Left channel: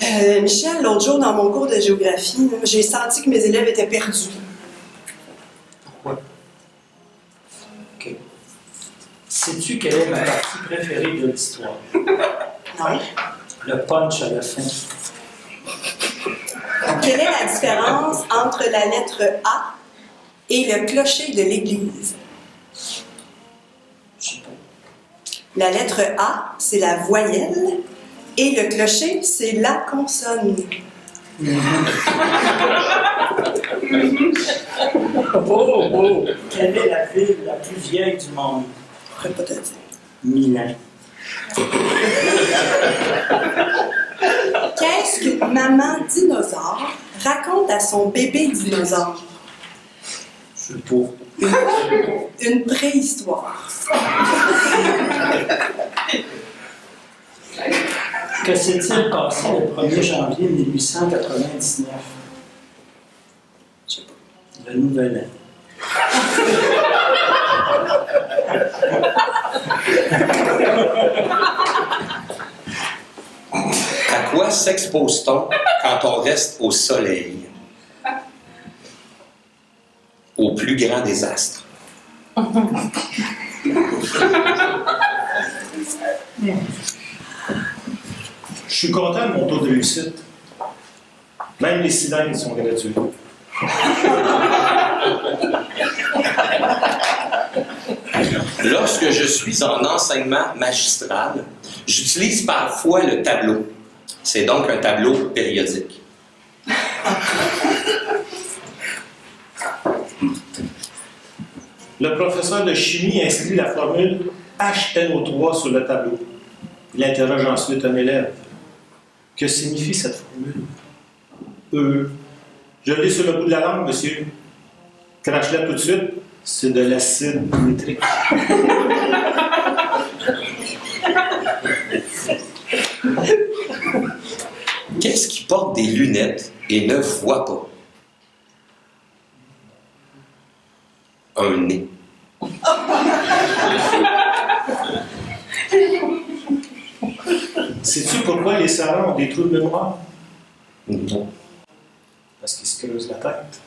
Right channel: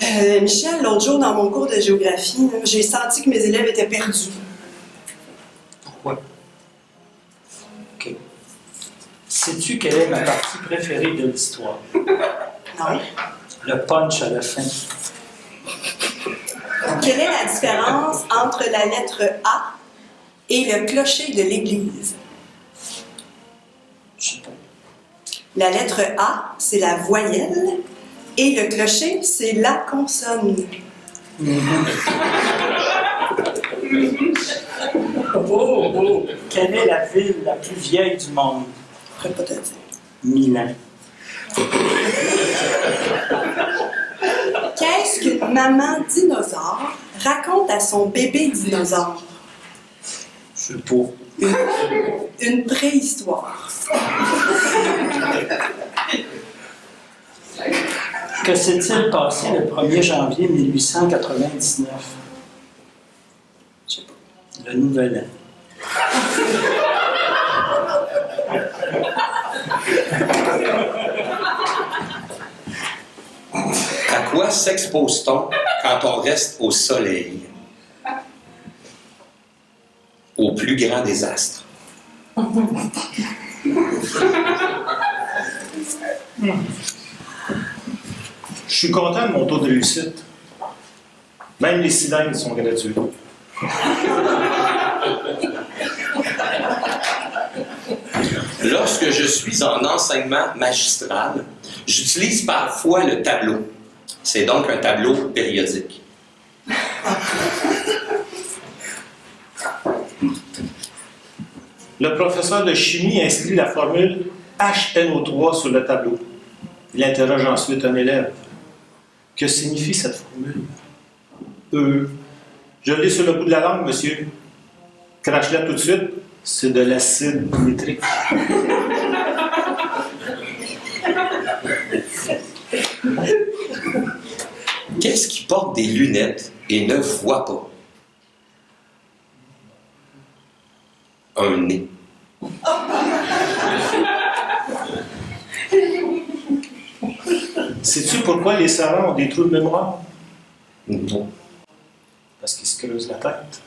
Michel, l'autre jour, dans mon cours de géographie, j'ai senti que mes élèves étaient perdus. Pourquoi? OK. Sais-tu quelle est ma partie préférée de l'histoire? Non. Le punch à la fin. Quelle est la différence entre la lettre A et le clocher de l'église? Je sais pas. La lettre A, c'est la voyelle, et le clocher, c'est la consonne. Oh! Quelle est la ville la plus vieille du monde? Je ne pourrais pas te dire. Milan. Qu'est-ce qu'une maman dinosaure raconte à son bébé dinosaure? Je sais pas. Une préhistoire. Que s'est-il passé le 1er janvier 1899? Je sais pas. Le Nouvel An. À quoi s'expose-t-on quand on reste au soleil? Au plus grand désastre. Je suis content de mon taux de réussite. Même les cylindres sont gratuits. Lorsque je suis en enseignement magistral, j'utilise parfois le tableau. C'est donc un tableau périodique. Le professeur de chimie inscrit la formule HNO3 sur le tableau. Il interroge ensuite un élève. Que signifie cette formule? Je l'ai sur le bout de la langue, monsieur. Crache-la tout de suite. C'est de l'acide nitrique. Qu'est-ce qui porte des lunettes et ne voit pas? Un nez. Sais-tu pourquoi les savants ont des trous de mémoire? Non. Parce qu'ils se creusent la tête.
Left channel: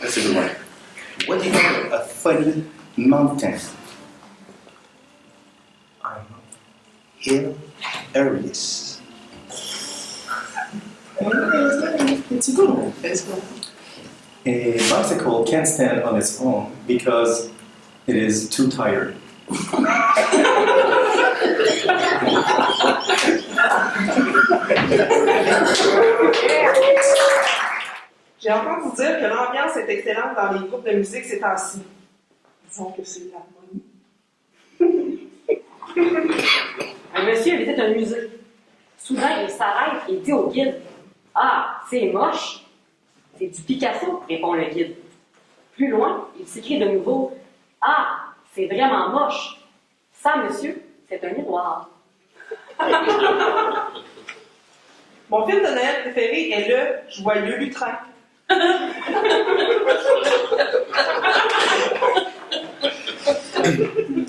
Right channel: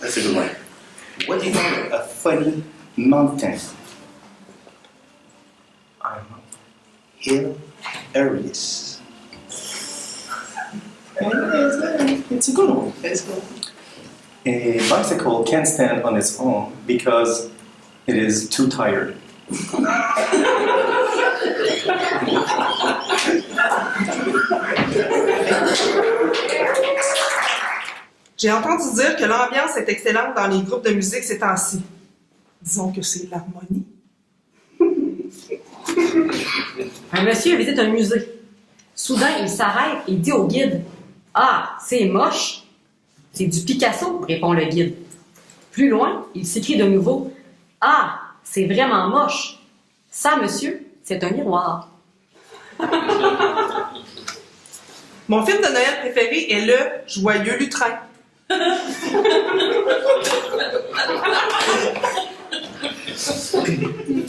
That's a good one. What do you call a funny mountain? Hilarious. It's a good one. It's good. A bicycle can't stand on its own because it is too tired. J'ai entendu dire que l'ambiance est excellente dans les groupes de musique ces temps-ci. Disons que c'est l'harmonie. Un monsieur visite un musée. Soudain, il s'arrête et dit au guide: « Ah, c'est moche! » « C'est du Picasso, » répond le guide. Plus loin, il s'écrie de nouveau: « Ah, c'est vraiment moche! Ça, monsieur, c'est un miroir. » Mon film de Noël préféré est Le Joyeux Lutrin.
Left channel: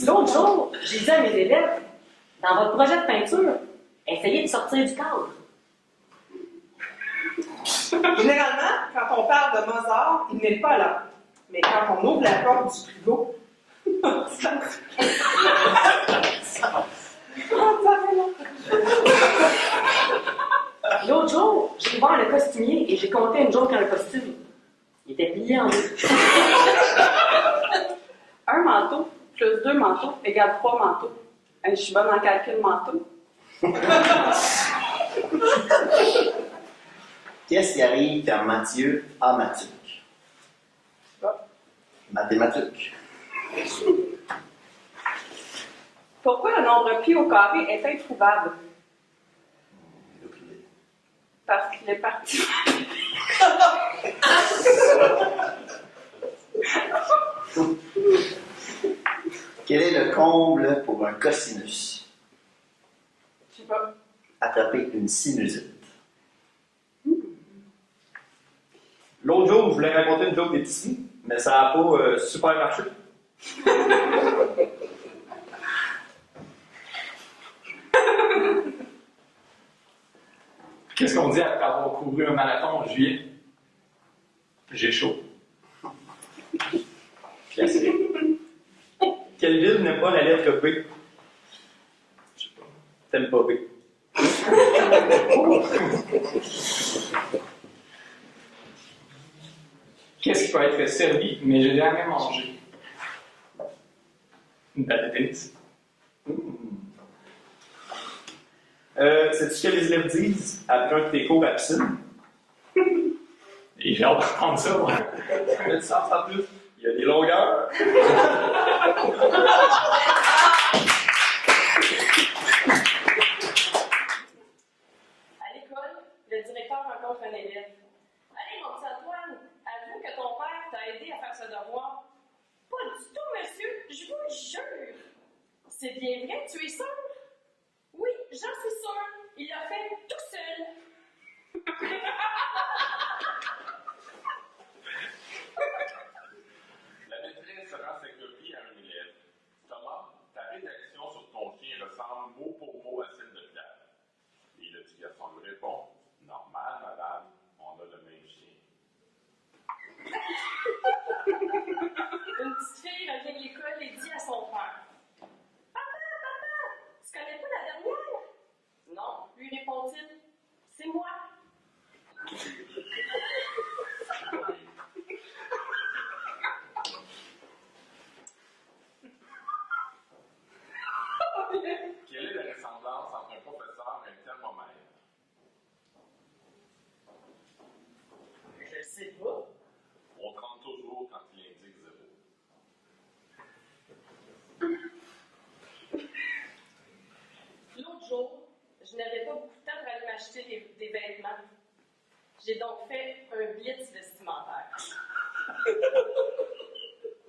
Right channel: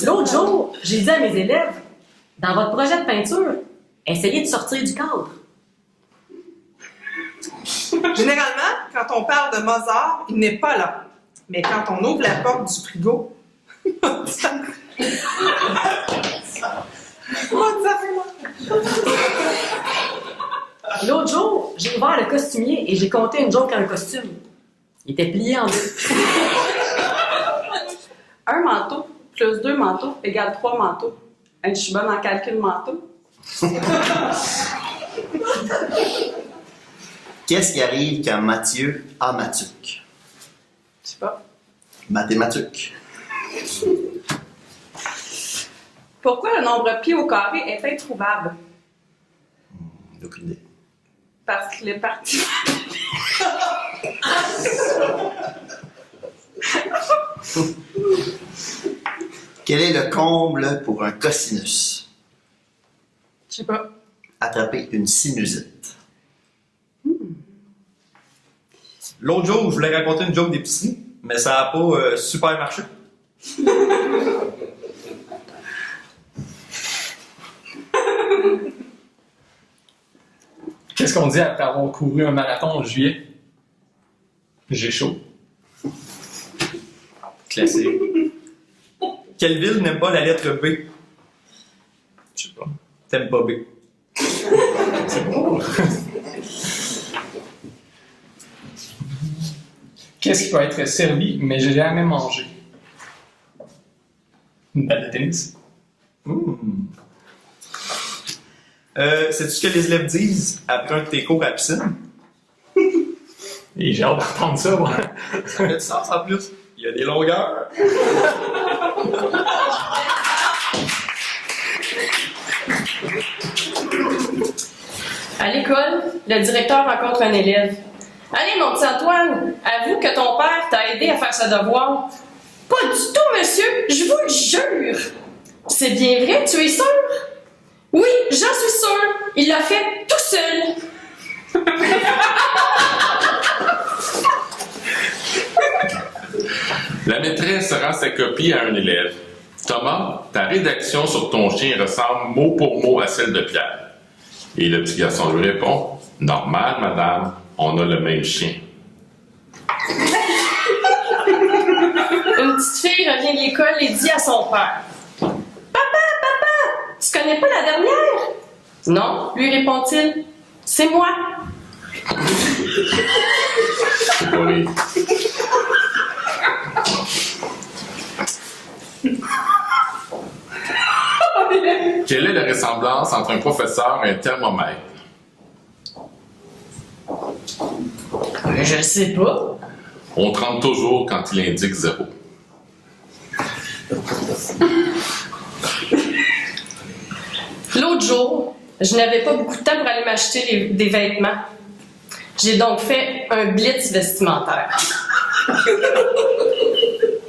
L'autre jour, j'ai dit à mes élèves: « Dans votre projet de peinture, essayez de sortir du cadre. » Généralement, quand on parle de Mozart, il n'est pas là. Mais quand on ouvre la porte du frigo, L'autre jour, j'ai ouvert le costumier et j'ai compté une joke à un costume. Il était plié en deux. Un manteau plus 2 manteaux égale 3 manteaux. Je suis bonne en calcul manteau. Qu'est-ce qui arrive quand Mathieu a Matuc? Je sais pas. Mathématuc. Pourquoi le nombre pi au carré est introuvable? Aucune idée. Parce qu'il est parti. Quel est le comble pour un cosinus? Je sais pas. Attraper une sinusite. L'autre jour, je voulais raconter une joke d'épicerie, mais ça n'a pas super marché. Qu'est-ce qu'on dit après avoir couru un marathon en juillet? J'ai chaud. Classique. Quelle ville n'aime pas la lettre B? Je sais pas. T'aimes pas B. Qu'est-ce qui peut être servi, mais j'ai jamais mangé? Une balle de tennis. Sais-tu ce que les élèves disent après un de tes cours à la piscine? Et j'ai hâte d'entendre ça, moi. Ça fait du sens en plus. Il y a des longueurs. À l'école, le directeur rencontre un élève. Allez, mon petit Antoine, avoue que ton père t'a aidé à faire ses devoirs. Pas du tout, monsieur, je vous le jure. C'est bien vrai, tu es sûr? Oui, j'en suis sûre. Il l'a fait tout seul. La maîtresse rend sa copie à un élève. Thomas, ta rédaction sur ton chien ressemble mot pour mot à celle de Pierre. Et le petit garçon lui répond, normal, madame, on a le même chien. Une petite fille revient de l'école et dit à son père. Papa, tu connais pas la dernière? Non, lui répond-il. C'est moi. C'est pas rire. Quelle est la ressemblance entre un professeur et un thermomètre? Je sais pas. On trempe toujours quand il indique 0. L'autre jour, je n'avais pas beaucoup de temps pour aller m'acheter des vêtements. J'ai donc fait un blitz vestimentaire.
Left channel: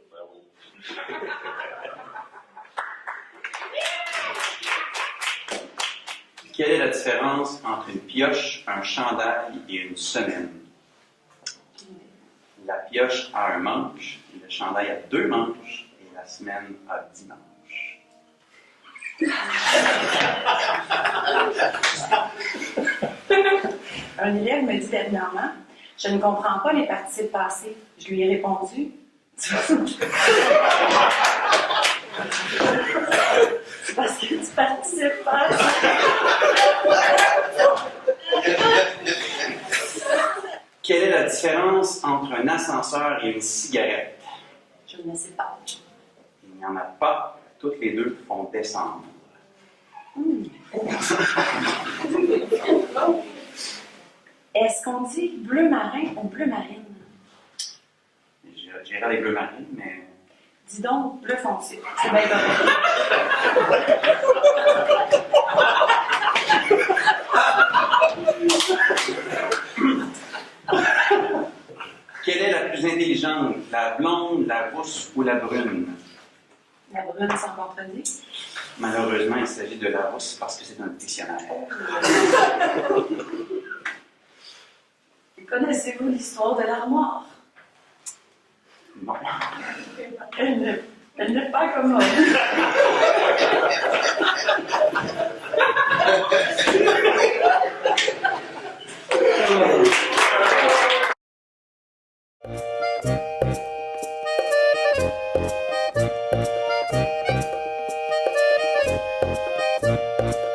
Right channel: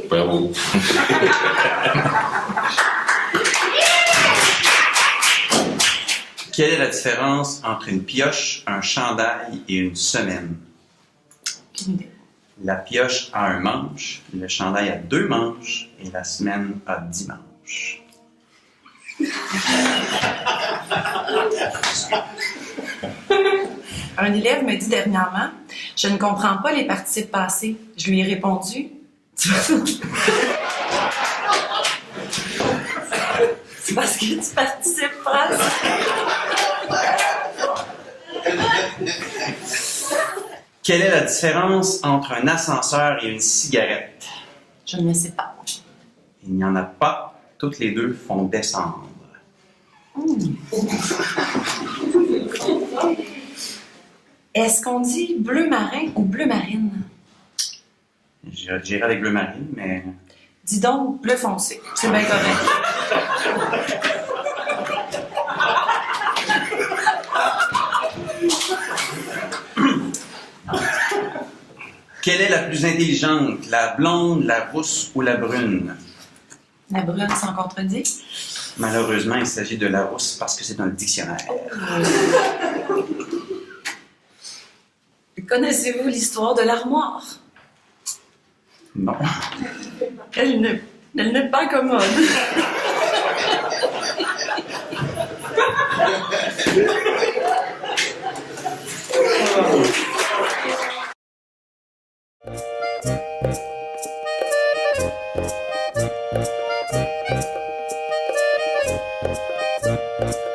Bravo. Quelle est la différence entre une pioche, un chandail et une semaine? La pioche a un manche, le chandail a 2 manches et la semaine a 10 manches. Un élève me dit dernièrement, je ne comprends pas les participes passés. Je lui ai répondu, c'est parce que tu participes pas. Quelle est la différence entre un ascenseur et une cigarette? Je ne le sais pas. Il n'y en a pas. Toutes les deux font descendre. Est-ce qu'on dit bleu marin ou bleu marine? Je dirais avec bleu marine, mais... Dis donc bleu foncé. C'est bien correct. Quelle est la plus intelligente? La blonde, la rousse ou la brune? La brune sans contredit. Malheureusement, il s'agit de la rousse parce que c'est un dictionnaire. Connaissez-vous l'histoire de l'armoire? Non. Elle n'est pas commode. Thank you.